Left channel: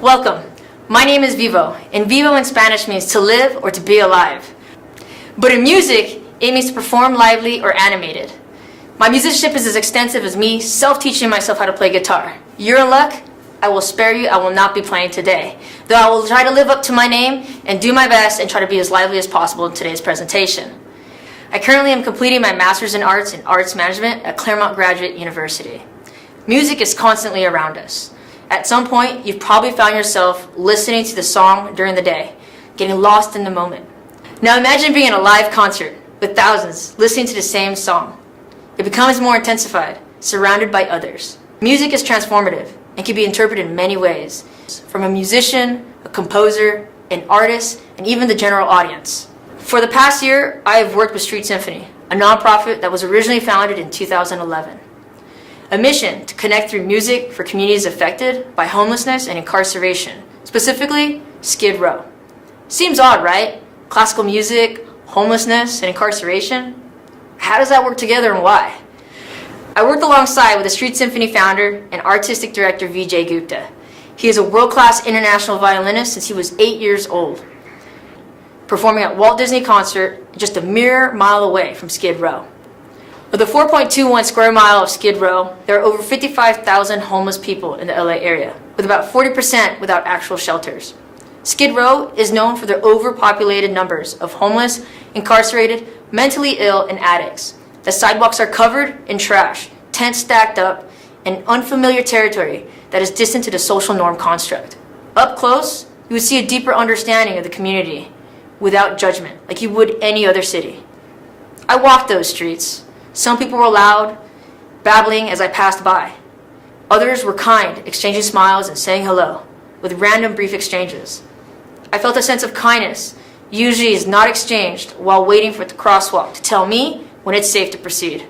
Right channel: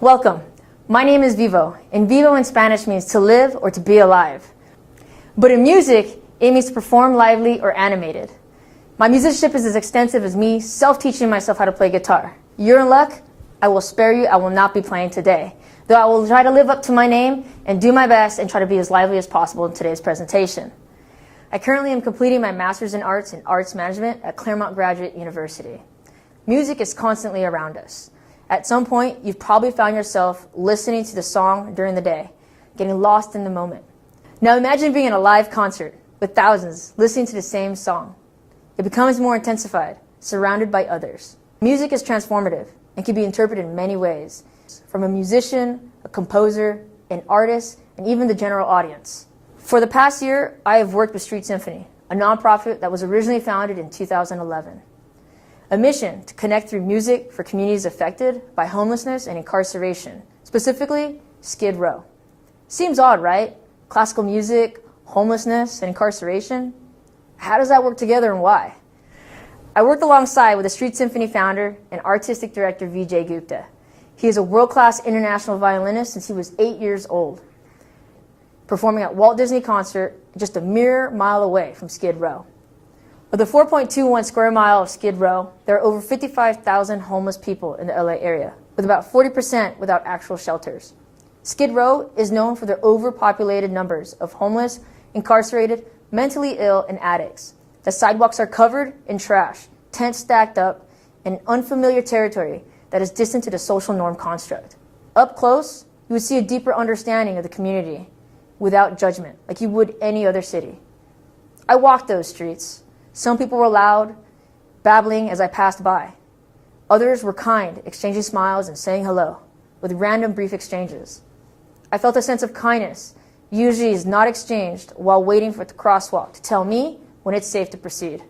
Welcome. My name is Vivo, and Vivo in Spanish means to live or to be alive. But in music, it means to perform lively or animated. My musicianship is as extensive as me self-teaching myself how to play guitar. You're in luck. I will spare you. I will not be playing today, though I will try to live up to my name and do my best and try to be as lively as possible in today's presentation. I currently am completing my Master's in Arts Management at Claremont Graduate University. Music is constantly around us. At some point, you've probably found yourself listening to the song during the day, getting lost in the moment. Now imagine being in a live concert with thousands listening to the same song. It becomes more intensified, surrounded by others. Music is transformative and can be interpreted in many ways, from a musician, a composer, an artist, and even the general audience. For the past year, I have worked with Street Symphony, a nonprofit that was originally founded in 2011. A mission to connect through music for communities affected by homelessness and incarceration, specifically Skid Row. Seems odd, right? Classical music, homelessness, and incarceration? How does that work together and why? I worked alongside with the Street Symphony founder and artistic director Vijay Gupta. He is a world-class international violinist since he was 8 years old, performing at Walt Disney Concert just a mere mile away from Skid Row. With the 4.21 square mile of Skid Row, there are over 55,000 homeless people in the LA area, with about 40% without actual shelters. Skid Row is known for their overpopulated numbers of homeless, incarcerated, mentally ill, and addicts. The sidewalks are covered in trash, tents stacked up, in unfamiliar territory that is distant to the social norm construct. Up close, you would see a deeper understanding of the community without judgment, like you would any other city. I walked those streets. Some people were loud, babbling as I passed by. Others were kind, exchanging smiles and saying hello, with random brief exchanges. I felt a sense of kindness, usually is not exchanged while waiting for the crosswalk to tell me when it's safe to proceed.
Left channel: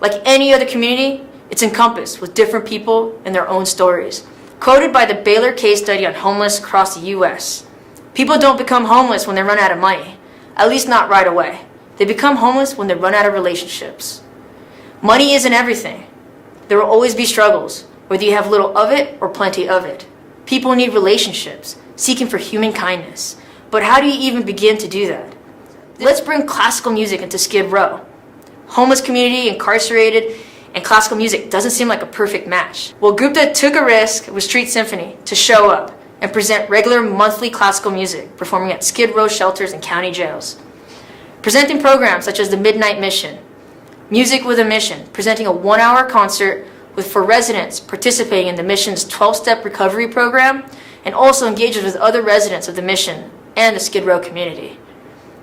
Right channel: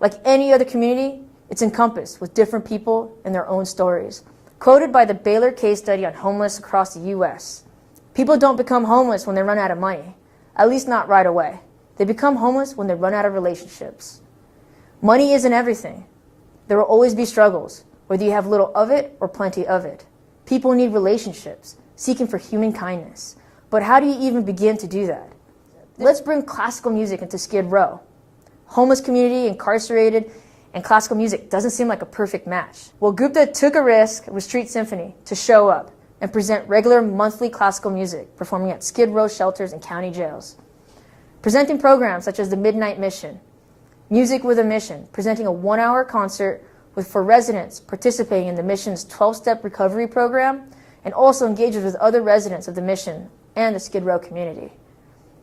Like any other community, it's encompassed with different people and their own stories. Quoted by the Baylor case study on homeless across the U.S. People don't become homeless when they run out of money, at least not right away. They become homeless when they run out of relationships. Money isn't everything. There will always be struggles, whether you have little of it or plenty of it. People need relationships, seeking for human kindness. But how do you even begin to do that? Let's bring classical music into Skid Row. Homeless community, incarcerated, and classical music doesn't seem like a perfect match. Well, Gupta took a risk with Street Symphony to show up and present regular monthly classical music, performing at Skid Row shelters and county jails. Presenting programs such as the Midnight Mission, Music with a Mission, presenting a 1-hour concert for residents participating in the mission's 12-step recovery program, and also engages with other residents of the mission and the Skid Row community.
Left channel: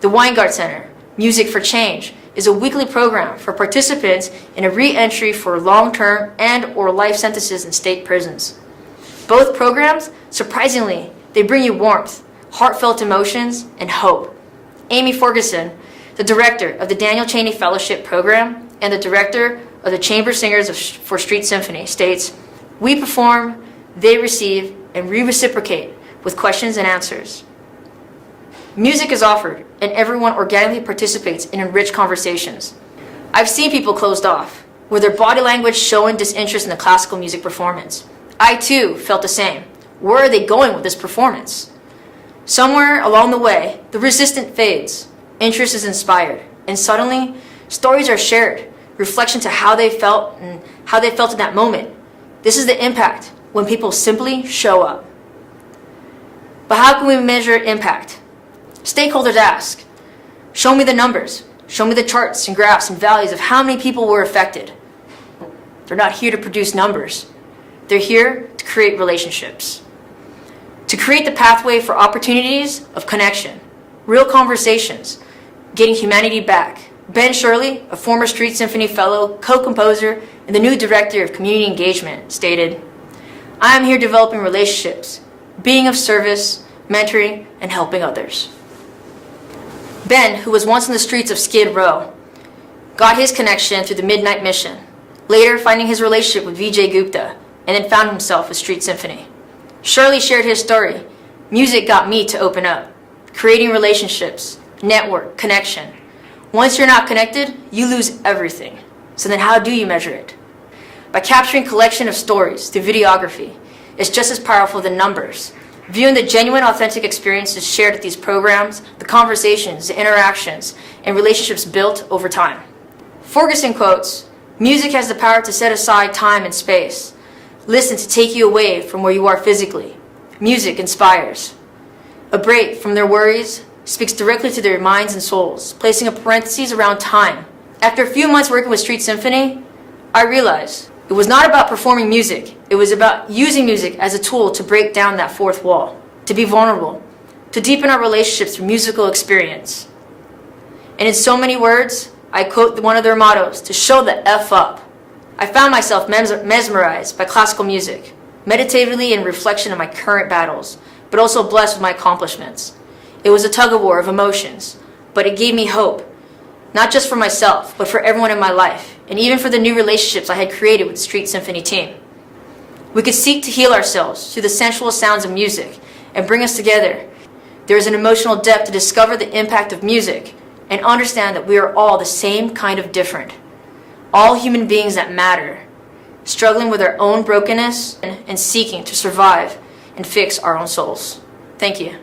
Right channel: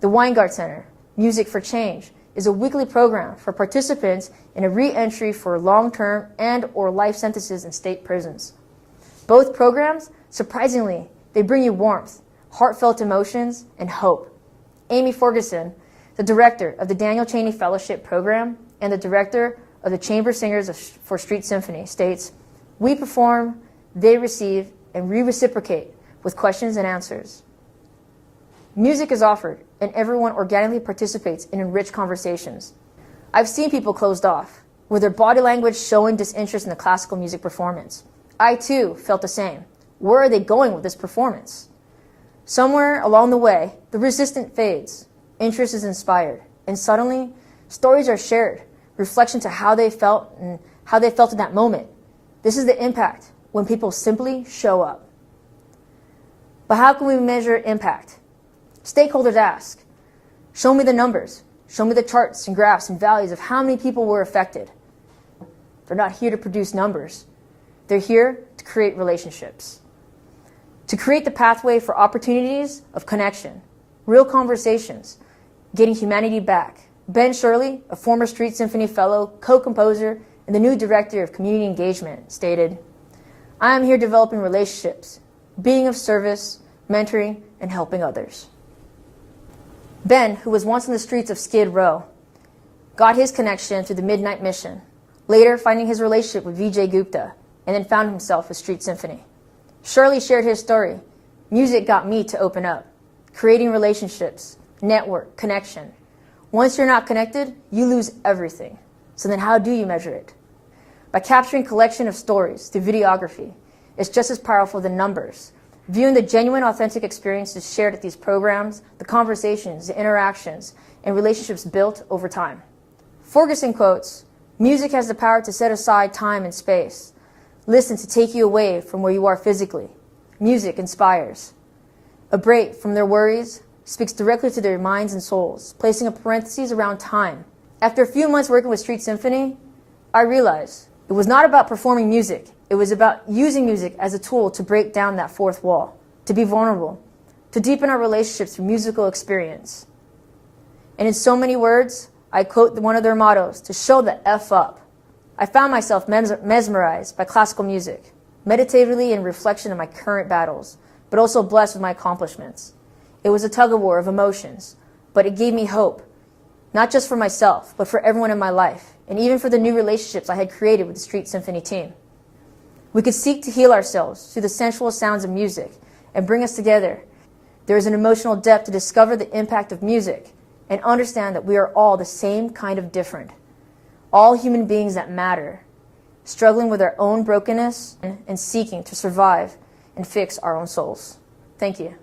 The Weingart Center, Music for Change, is a weekly program for participants in a re-entry for long-term and or life sentences in state prisons. Both programs, surprisingly, they bring you warmth, heartfelt emotions, and hope. Amy Ferguson, the director of the Daniel Chaney Fellowship Program and the director of the Chamber Singers for Street Symphony, states, "We perform, they receive, and we reciprocate with questions and answers. Music is offered, and everyone organically participates in enriched conversations. I've seen people closed off, with their body language showing disinterest in the classical music performance. I, too, felt the same. Where are they going with this performance? Somewhere along the way, the resistance fades, interest is inspired, and suddenly, stories are shared, reflection to how they felt and how they felt in that moment. This is the impact when people simply show up." But how can we measure impact? Stakeholders ask, show me the numbers, show me the charts and graphs and values of how many people were affected. They're not here to produce numbers. They're here to create relationships, to create the pathway for opportunities of connection, real conversations, getting humanity back. Ben Shirley, a former Street Symphony fellow, co-composer, and the new director of community engagement, stated, "I am here developing relationships, being of service, mentoring, and helping others." Ben, who was once in the streets of Skid Row, got his connection through the Midnight Mission, later finding his relationship with Vijay Gupta, and then found himself with Street Symphony. Shirley shared his story. Music got me to open up, creating relationships, network, connection. Once you're not connected, you lose everything. So then how do you measure it? By capturing collection of stories through videography, is just as powerful than numbers. Viewing the genuine, authentic experiences shared at these programs, the conversations, the interactions, and relationships built over time. Ferguson quotes, "Music has the power to set aside time and space. Listen to take you away from where you are physically. Music inspires." A break from their worries speaks directly to their minds and souls, placing a parenthesis around time. After a few months working with Street Symphony, I realized it was not about performing music. It was about using music as a tool to break down that fourth wall, to be vulnerable, to deepen our relationships through musical experience. And in so many words, I quote one of their mottos, to show the F up. I found myself mesmerized by classical music, meditatively in reflection of my current battles, but also blessed with my accomplishments. It was a tug-of-war of emotions, but it gave me hope, not just for myself, but for everyone in my life, and even for the new relationships I had created with the Street Symphony team. We could seek to heal ourselves through the sensual sounds of music and bring us together. There is an emotional depth to discover the impact of music and understand that we are all the same kind of different. All human beings that matter, struggling with our own brokenness and seeking to survive and fix our own souls. Thank you.